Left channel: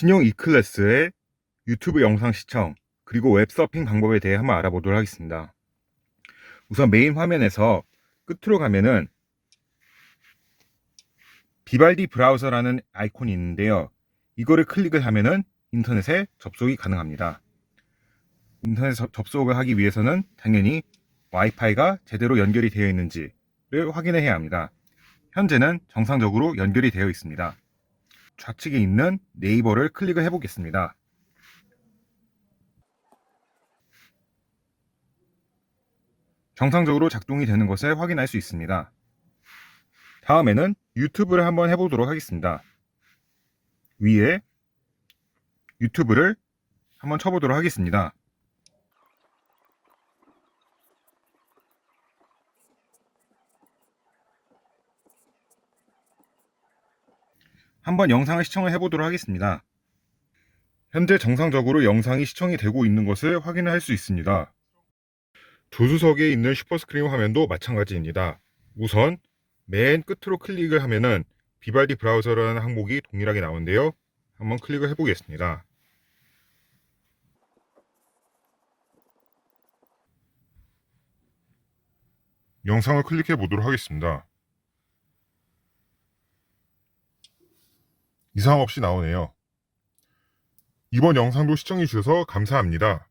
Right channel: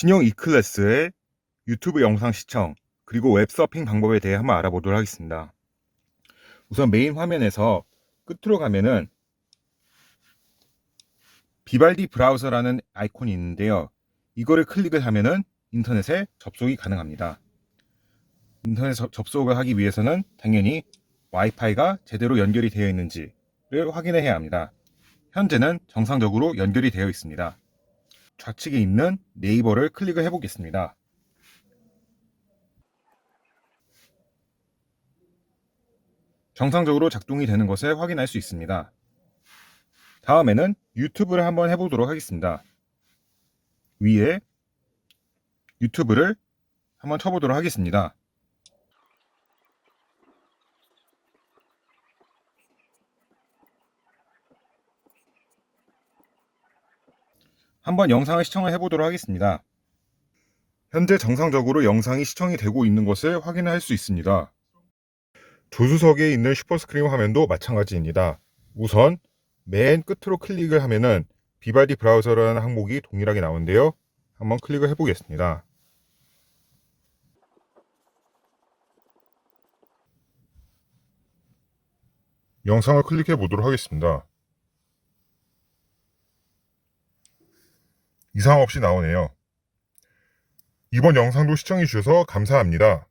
신형 E클래스의 유튜브 영상 시청 그리고 웹서핑 방법에 대해 한번 알아보도록 하겠습니다. 우선 메인 화면에서 끝으로 가면은 비발디 브라우저라는 아이콘이 있는데요. 이거를 클릭을 하면은 인터넷에 접속이 가능합니다. 인터넷 접- 접속을 하기 위해서는 당연히 와이파이가 제대로 연결이 되어 있는지를 확인해야 합니다. 현재는 정상적으로 연결이 되어 있습니다. 좌측에 있는 네이버를 클릭을 해 보겠습니다. 정상적으로 작동이 되는 것을 확인할 수 있습니다. 다음에는 유튜브를 한번 해보도록 하겠습니다. 위에 유튜브를 한번 쳐보도록 하겠습니다. 한번 영상을 시청을 해보도록 하겠습니다. 현재 정상적으로 영상이 시청이 되고 있는 것을 확인할 수 있습니다. 조수석에 있는 슈퍼스크린 화면도 마찬가지입니다. 우선 맨 끝으로 클릭을 하면은 비발디 브라우저라는 항목이 동일하게 나오는데요. 한번 클릭을 해보겠습니다. 영상을 클릭해 보도록 하겠습니다. 이상 없이 나오네요. 이번 영상도 시청해 주셔서 감사합니다.